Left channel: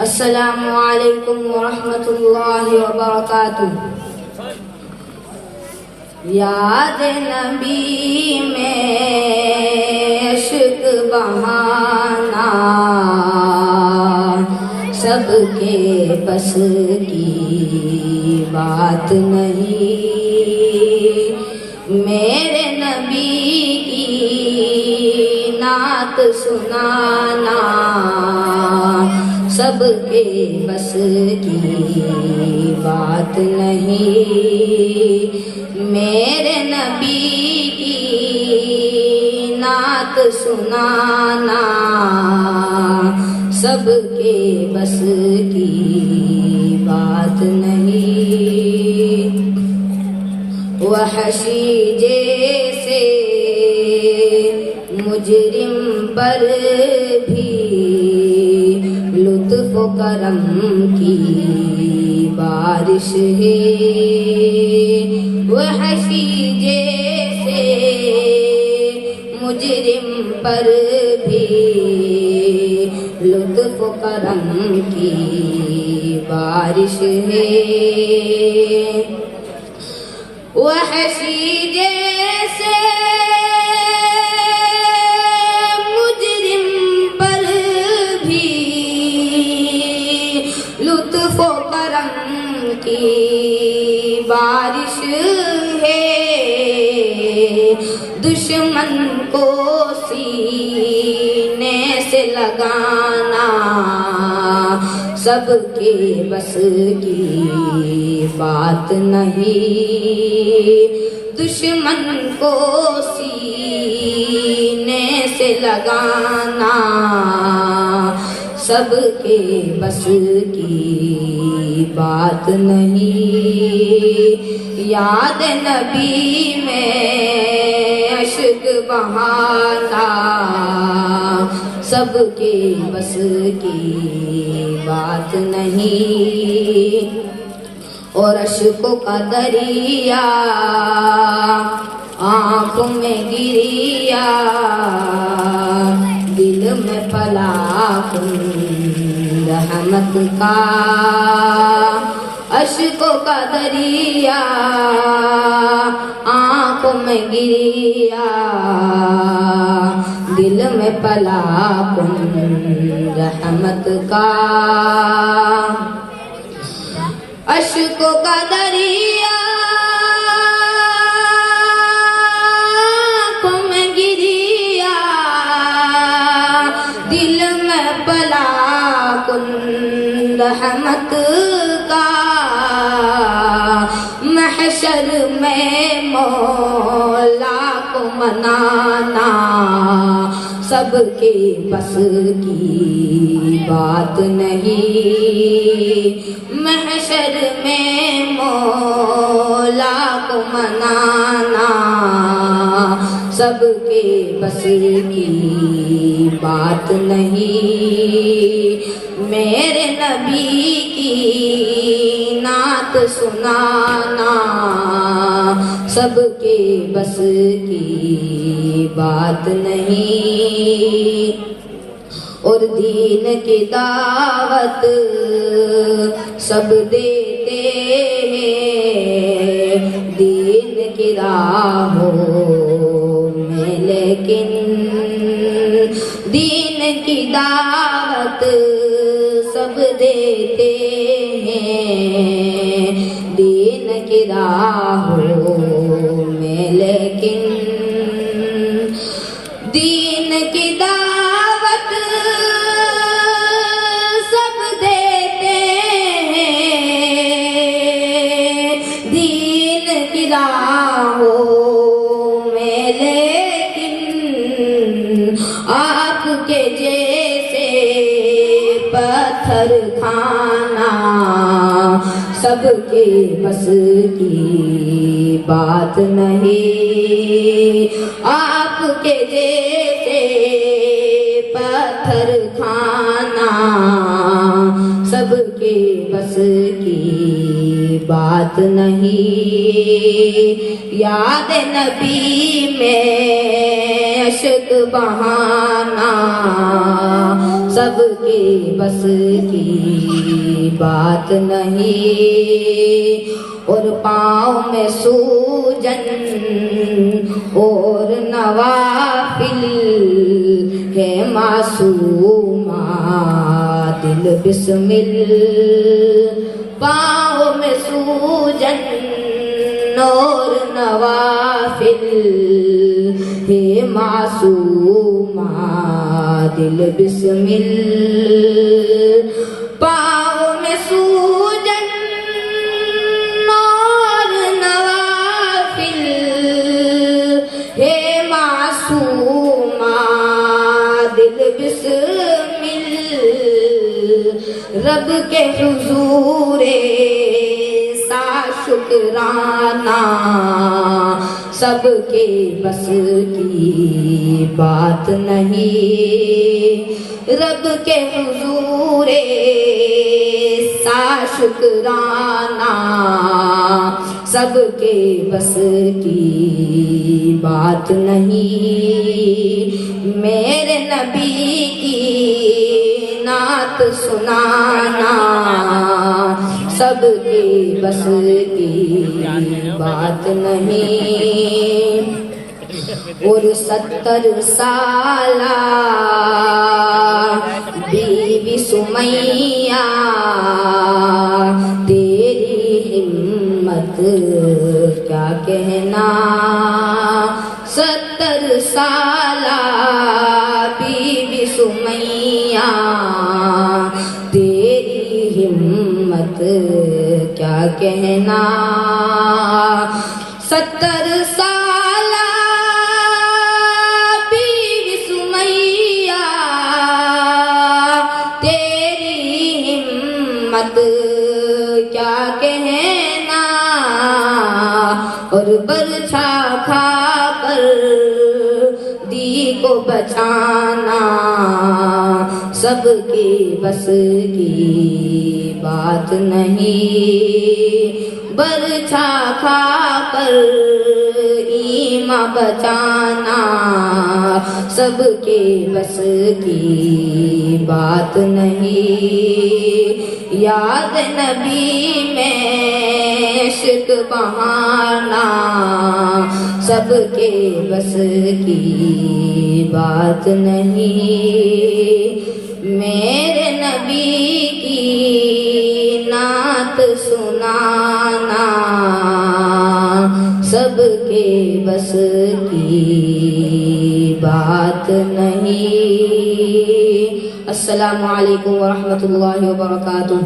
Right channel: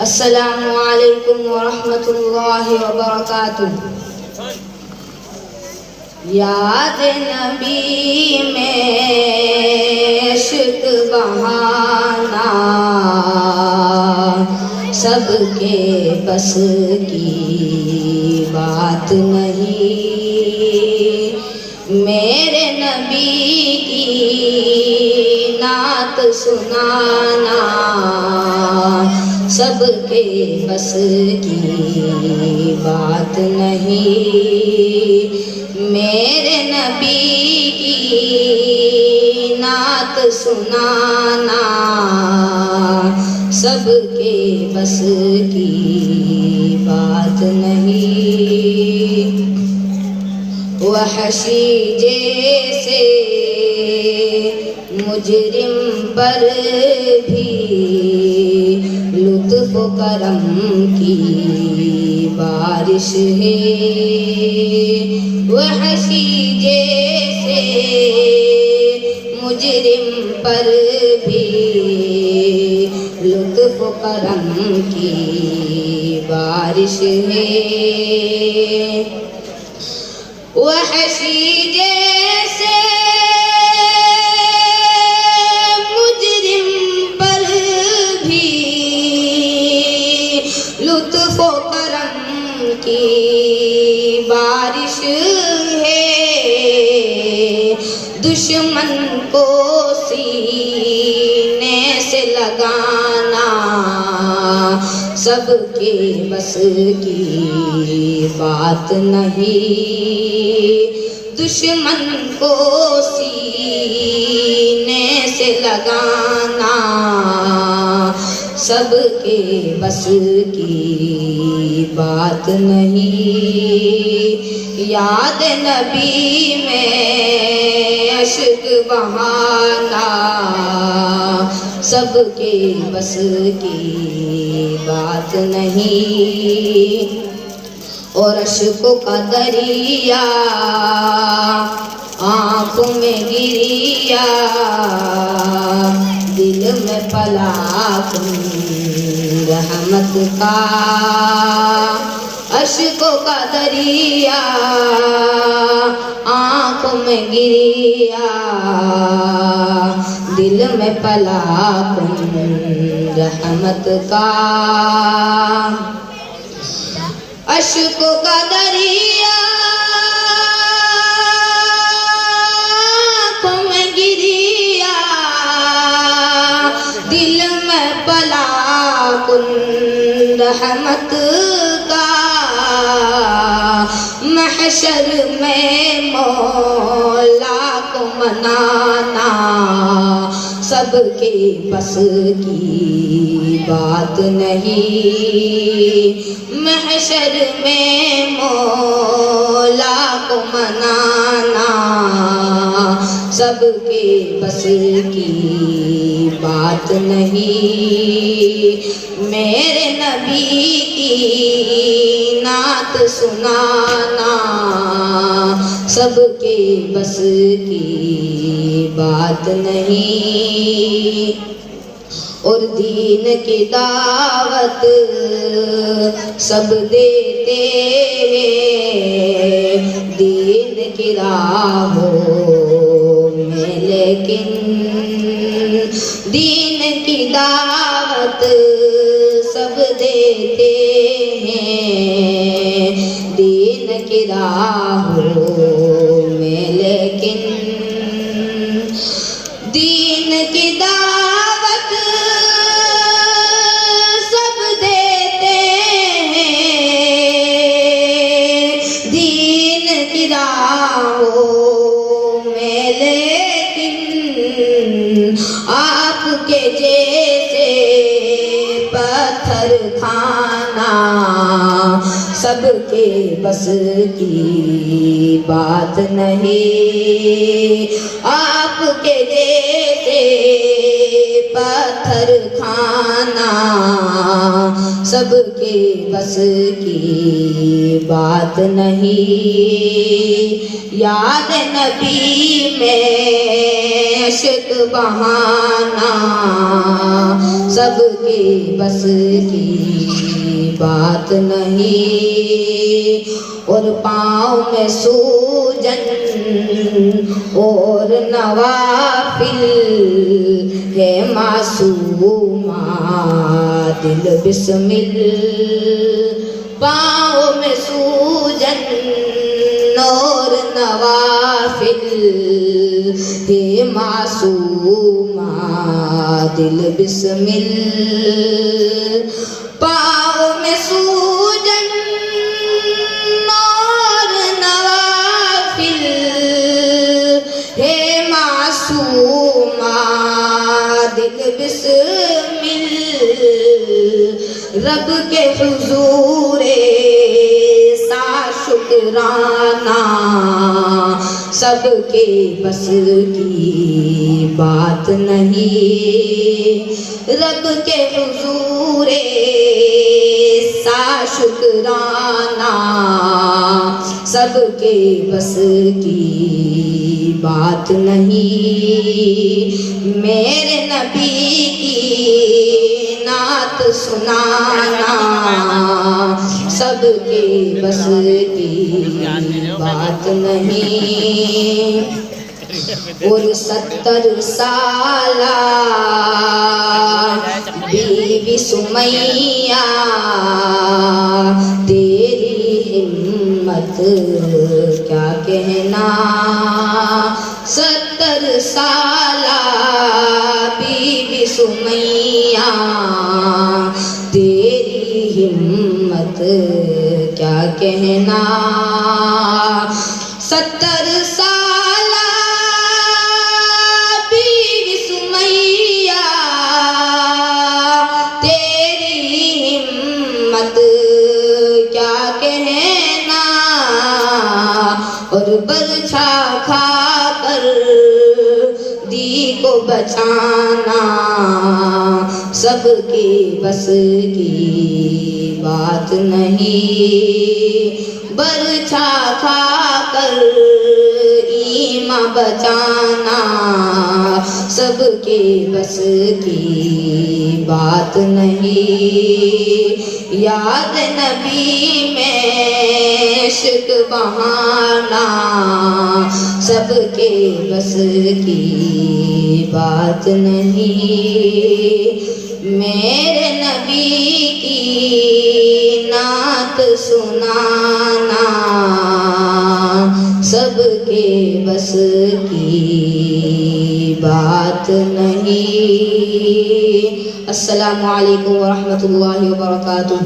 السلام علیکم ورحمۃ اللہ وبرکاتہ۔ یاد نبی میں عشق بہانا سب کے بس کی بات نہیں، میرے نبی کی نعت سنانا سب کے بس کی بات نہیں، میرے نبی کی نعت سنانا سب کے بس کی بات نہیں۔ وحشی جیسے مجرم پر بھی لطف و کرم کی بارش ہے، وحشی جیسے مجرم پر بھی لطف و کرم کی بارش ہے، وحشی جیسے مجرم پر بھی لطف و کرم کی بارش ہے، دشمن کو سینے سے لگانا سب کے بس کی بات نہیں، دشمن کو سینے سے لگانا سب کے بس کی بات نہیں، یاد نبی میں عشق بہانا سب کے بس کی بات نہیں، اور اشکوں کا دریا آنکھوں میں گریا، دل میں پلا رحمت کا، اشکوں کا دریا آنکھوں میں گریا، دل میں پلا رحمت کا، اشکوں کا دریا آنکھوں میں گریا، دل میں پلا رحمت کا، محشر میں مولا کو منانا سب کے بس کی بات نہیں، محشر میں مولا کو منانا سب کے بس کی بات نہیں، میرے نبی کی نعت سنانا سب کے بس کی بات نہیں، اور دین کی دعوت سب دیتے ہیں دین کی راہوں میں، لیکن دین کی دعوت سب دیتے ہیں دین کی راہوں میں، لیکن دین کی دعوت سب دیتے ہیں دین کی راہوں میں، لیکن آپ کے جیسے پتھر کھانا سب کے بس کی بات نہیں، آپ کے جیسے پتھر کھانا سب کے بس کی بات نہیں، یاد نبی میں عشق بہانا سب کے بس کی بات نہیں، اور پاؤں میں سوجن اور نوافل ہے معصومہ دل بسمل، پاؤں میں سوجن اور نوافل ہے معصومہ دل بسمل، پاؤں میں سوجن اور نوافل ہے معصومہ دل بسمل، رب کے حضور سا شکرانہ سب کے بس کی بات نہیں، رب کے حضور سا شکرانہ سب کے بس کی بات نہیں، میرے نبی کی نعت سنانا سب کے بس کی بات نہیں، اور 70 سالہ بیوی سمیہ تیری ہمت کیا کہنا، 70 سالہ بیوی سمیہ تیری ہمت کیا کہنا، 70 سالہ بیوی سمیہ تیری ہمت کیا کہنا، اور برچھا کھا کر دی کو بچانا سب کے بس کی بات نہیں، برچھا کھا کر ایمان بچانا سب کے بس کی بات نہیں، یاد نبی میں عشق بہانا سب کے بس کی بات نہیں، میرے نبی کی نعت سنانا سب کے بس کی بات نہیں۔ السلام علیکم ورحمۃ اللہ وبرکاتہ۔